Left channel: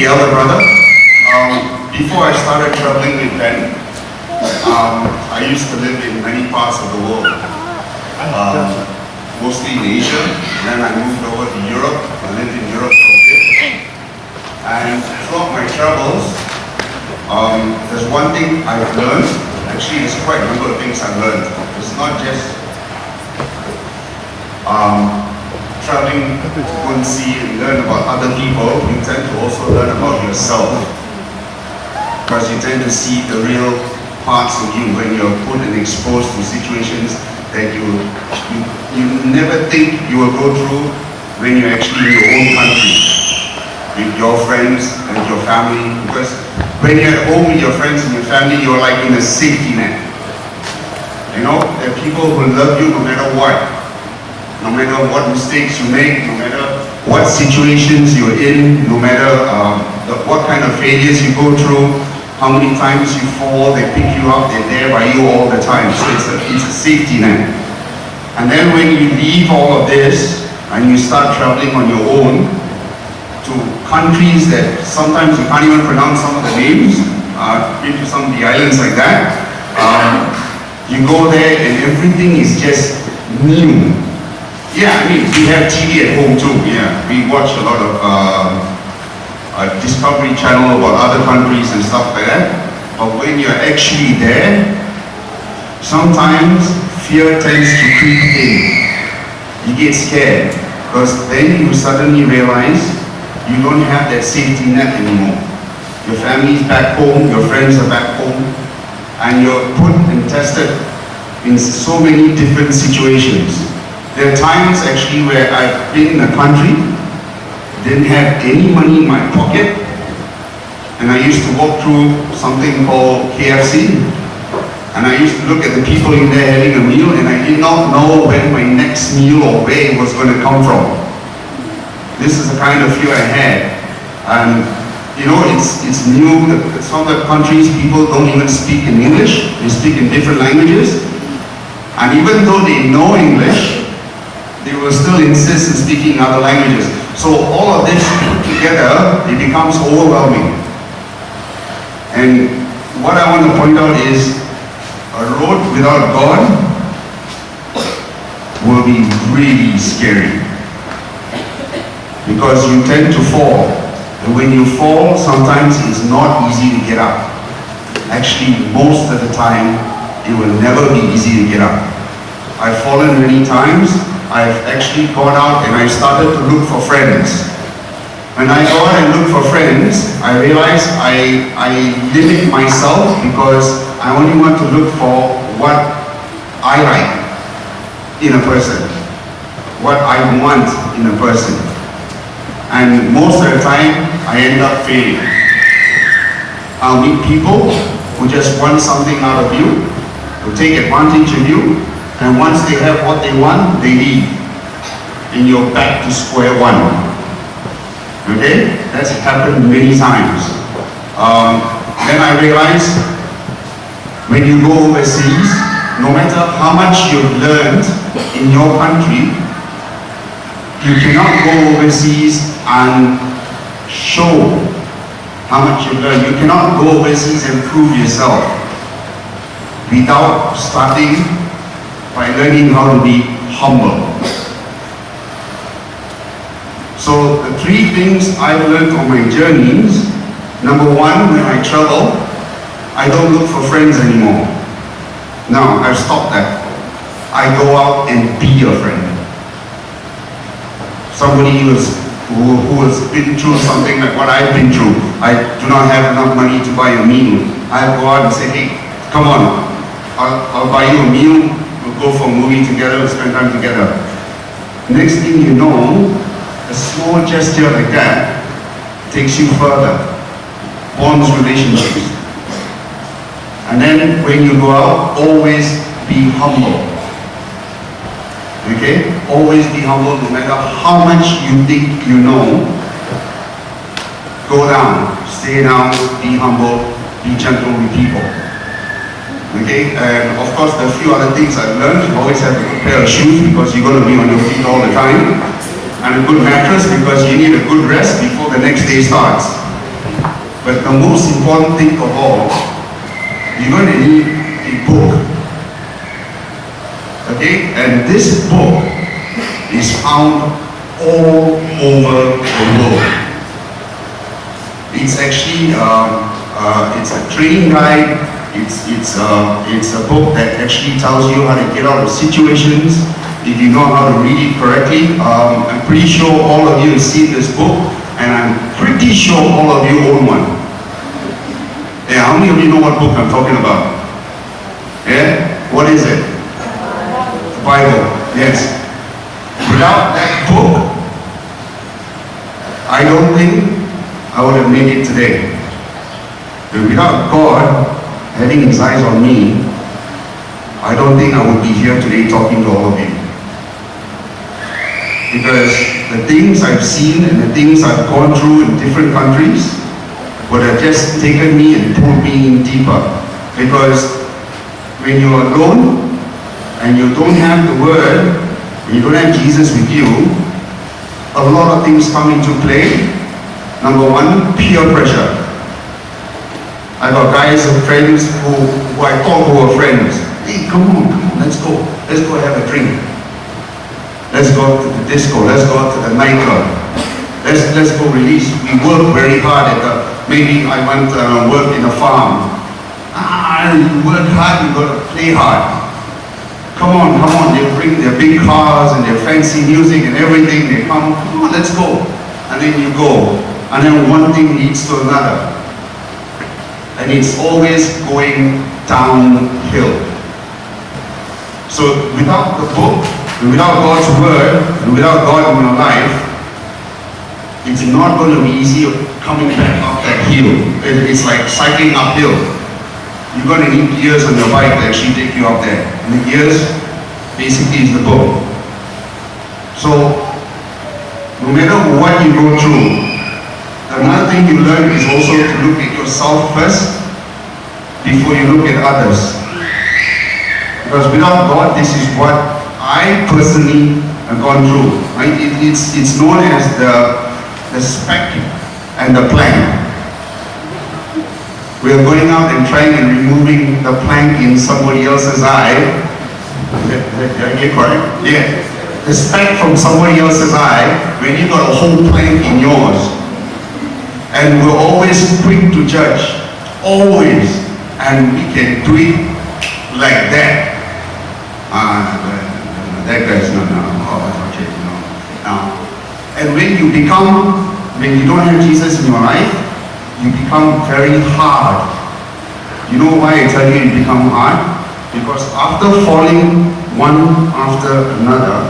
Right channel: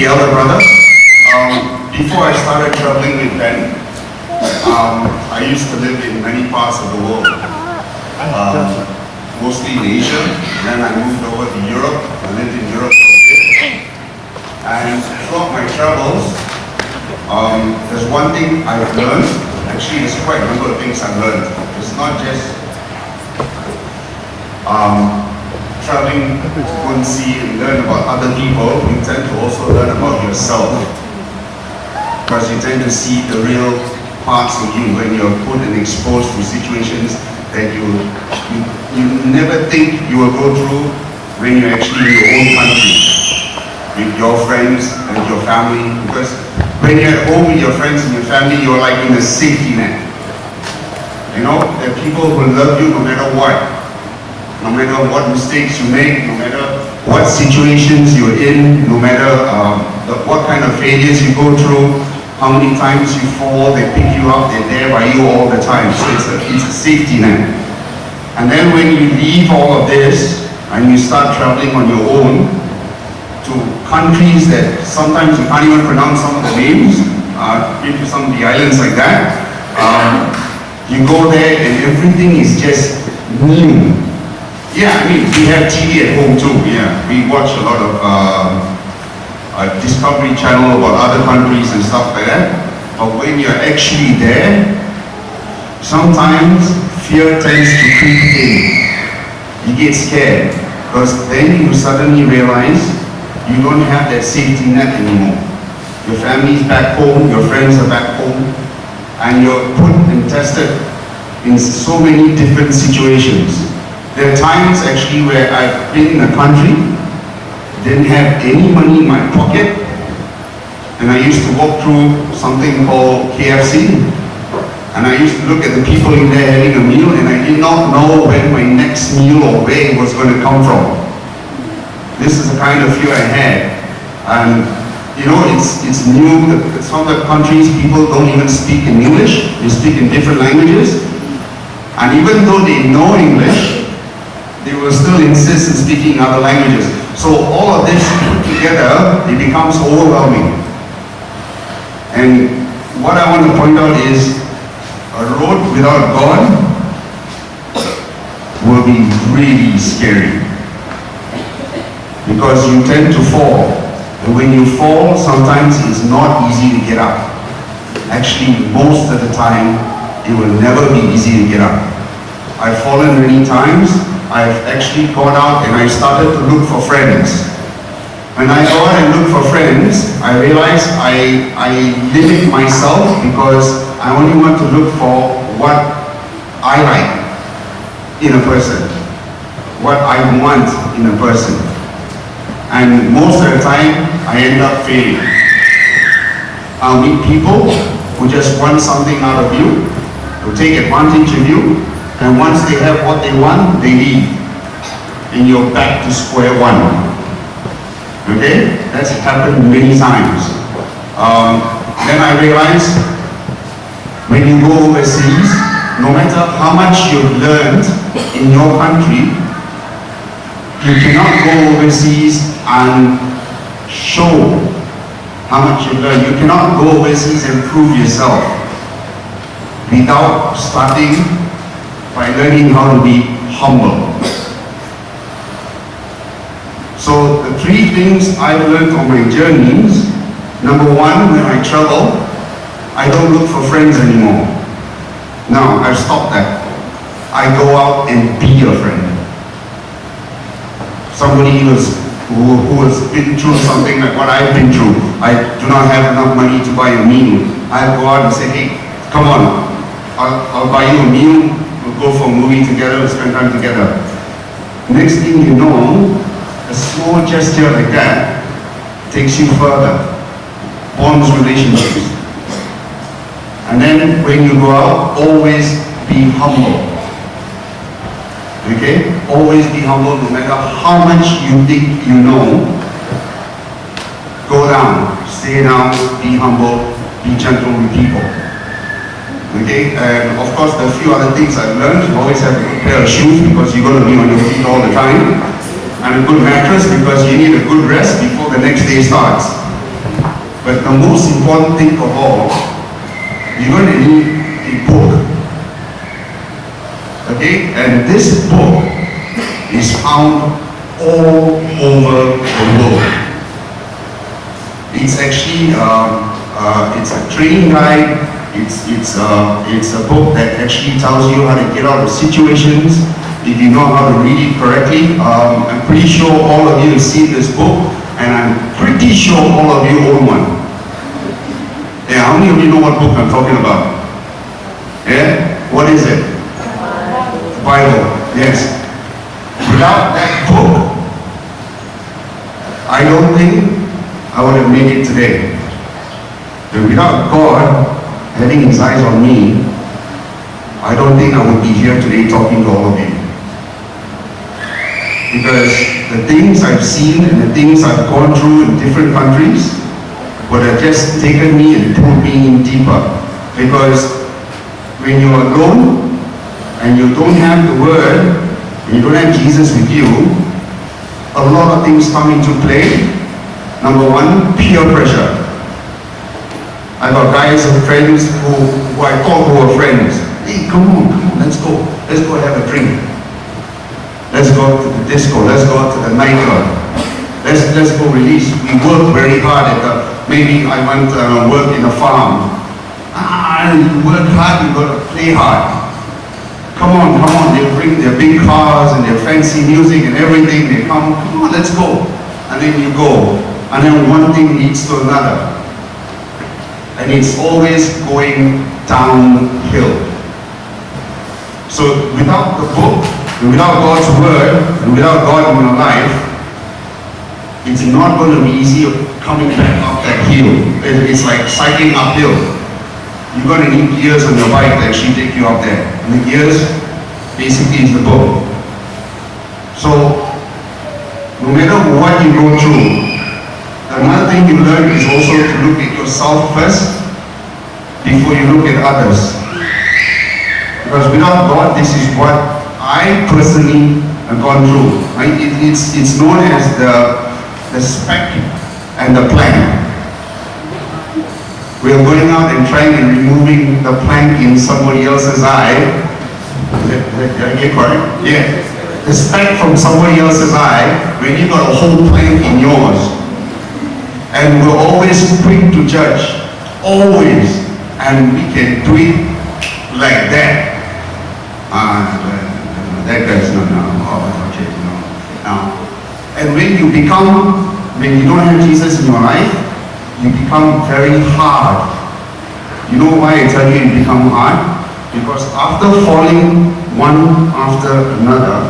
the elder brother. Before I started traveling with Ben, I used to live in many parts of the world, mostly in Asia. And then I moved over to Europe. I lived in Europe for a bit. And throughout my travels, there's one thing I've learned. Actually, there's quite a number of things I've learned. It's not just traveling to go and see and learn about other people. You tend to also learn about yourself, because you tend to see the real parts of you when you're put and exposed to situations that you never think you will go through when you're actually in your own country, with your friends and your family. Because when you're at home with your friends and your family, you're like in a safety net. You know, there are people who love you no matter what. No matter what mistakes you make, no matter what situations you're in, no matter what kind of failures you go through, how many times you fall, they pick you up, they're there by you all the time. So it's a safety net. And then when you leave all of this and you start traveling on your own to countries that sometimes you can't even pronounce some of the names, into some of the islands like that, you go there and everything is just new. Yeah, I mean, we have TV at home too. Yeah, we watch a lot of Discovery Channel about other countries and stuff like that. But when you're actually there, sometimes fear tends to creep in. You get scared, because then you suddenly realize you don't have that safety net anymore. Your family's back home, your friends are back home, and you're put and tested in so many different situations. There are times actually where I've been in a country, didn't have any money in my pocket, and I used to walk through something called KFC, and I used to look at the people in there having a meal, and I did not know when my next meal or where it was going to come from. This is the kind of fear I had. And you know, it's new. Some of the countries, people don't even speak in English, they speak in different languages. And even though they know English, they will still insist in speaking other languages. So all of this put together, it becomes overwhelming. And what I want to point out is, a road without God will be really scary, because you tend to fall. And when you fall, sometimes it's not easy to get up. Actually, most of the time, it will never be easy to get up. I've fallen many times. I've actually gone out and I started to look for friends. When I go out and look for friends, I realize I limit myself, because I only want to look for what I like in a person, what I want in a person. And most of the time, I end up failing. I'll meet people who just want something out of you, who take advantage of you, and once they have what they want, they leave. And you're back to square one. Okay? That's happened many times. Then I realized, when you go overseas, no matter how much you've learned in your country, you cannot go overseas and show how much you've learned. You cannot go overseas and prove yourself without starting by learning how to be humble. So the three things I've learned on my journeys: number one, when I travel, I don't look for friends anymore. Now, I've stopped that. I go out and be a friend. Somebody who has been through something like what I've been through. I do not have enough money to buy a meal. I'll go out and say, hey, come on, I'll buy you a meal. We'll go for a movie together, we'll spend time together. Next thing you know, a small gesture like that takes you further, bonds relationships. And then when you go out, always be humble. Okay? Always be humble, no matter how much you think you know. Go down, stay down, be humble, be gentle with people. Okay, and of course there are a few other things I've learned. You always have a good pair of shoes, because you're going to be on your feet all the time, and a good mattress, because you need a good rest before the next day starts. But the most important thing of all, you're going to need a book. Okay? And this book is found all over the world. It's actually it's a training guide. It's a book that actually tells you how to get out of situations if you know how to read it correctly. I'm pretty sure all of you have seen this book, and I'm pretty sure all of you own one. Yeah, how many of you know what book I'm talking about? Yeah? What is it? The Bible. Yes. Without that book, I don't think I would have made it today. But without God having his eyes on me, I don't think I would be here today talking to all of you. Because the things I've seen and the things I've gone through in different countries would have just taken me and pulled me in deeper. Because when you're alone and you don't have the Word, and you don't have Jesus with you, a lot of things come into play. Number one, peer pressure. I got guys and friends who I thought were friends. Hey, come on, let's go have a drink. Let's go to the disco, let's go to the nightclub. Let's go release. We work very hard maybe I went work in a farm. You work hard, you got to play hard. Come on, they'll bring their big cars and their fancy music and everything. They come on, let's go. And then you go. And then one thing leads to another. And it's always going downhill. So without the book, and without God's Word, and without God in your life, it's not going to be easy coming back up that hill. It's like cycling uphill. You're going to need gears on your bike to actually take you up there. And the gears basically is the book. So, no matter what you go through, another thing you learn is also to look at yourself first before you look at others. Because without God, this is what I personally have gone through. Right? It's known as the speck and the plank. We're going out and trying and removing the plank in somebody else's eye. Did I get correct? Yeah. The speck from somebody else's eye when you got a whole plank in yours. And we're always quick to judge. Always. And we can do it like that. That guy's not now. Oh, okay, no. Now. And when you don't have Jesus in your life, you become very hard. You know why I tell you it become hard? Because after falling one after another,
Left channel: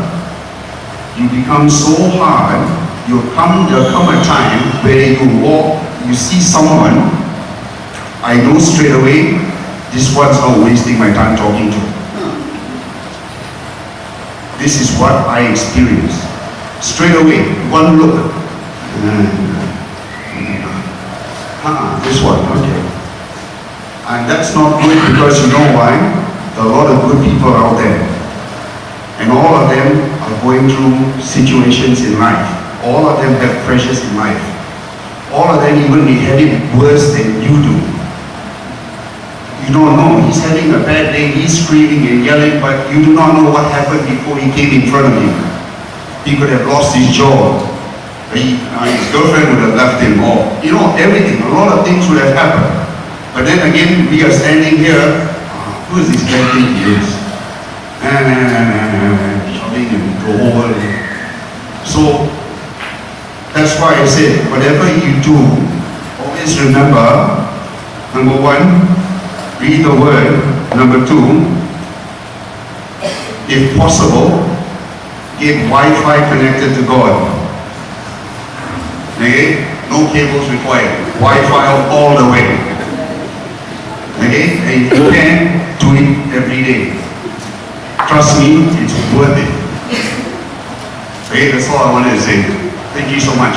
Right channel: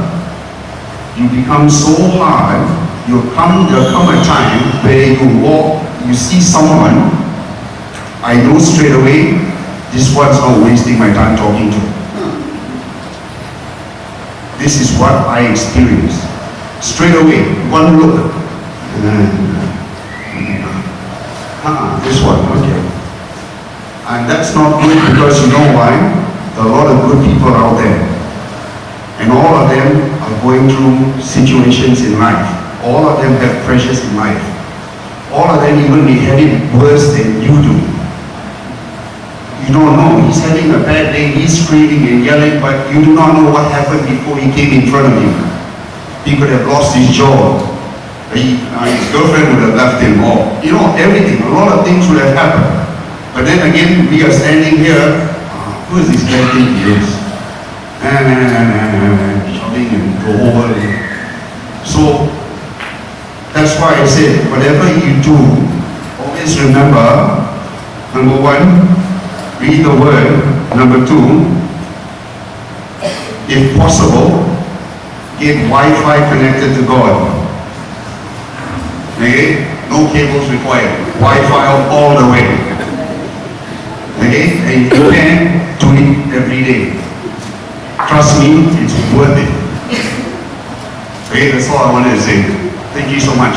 you become so hard, there'll come a time where you walk, you see someone, I know straight away, this one's not wasting my time talking to. This is what I experienced. Straight away, one look. This one, okay. And that's not good because you know why? There are a lot of good people out there. And all of them are going through situations in life. All of them have pressures in life. All of them even may have it worse than you do. You don't know. He's having a bad day, he's screaming and yelling, but you do not know what happened before he came in front of you. He could have lost his job. His girlfriend would have left him, or everything. A lot of things would have happened. But then again, we are standing here. Who is this guy think he is? Shouting and go over. So that's why I said, whatever you do, always remember, number one, read the Word. Number two, if possible, get Wi-Fi connected to God. Okay? No cables required. Wi-Fi all the way. Okay? And if you can, do it every day. Trust me, it's worth it. Okay? That's all I wanted to say. Thank you so much.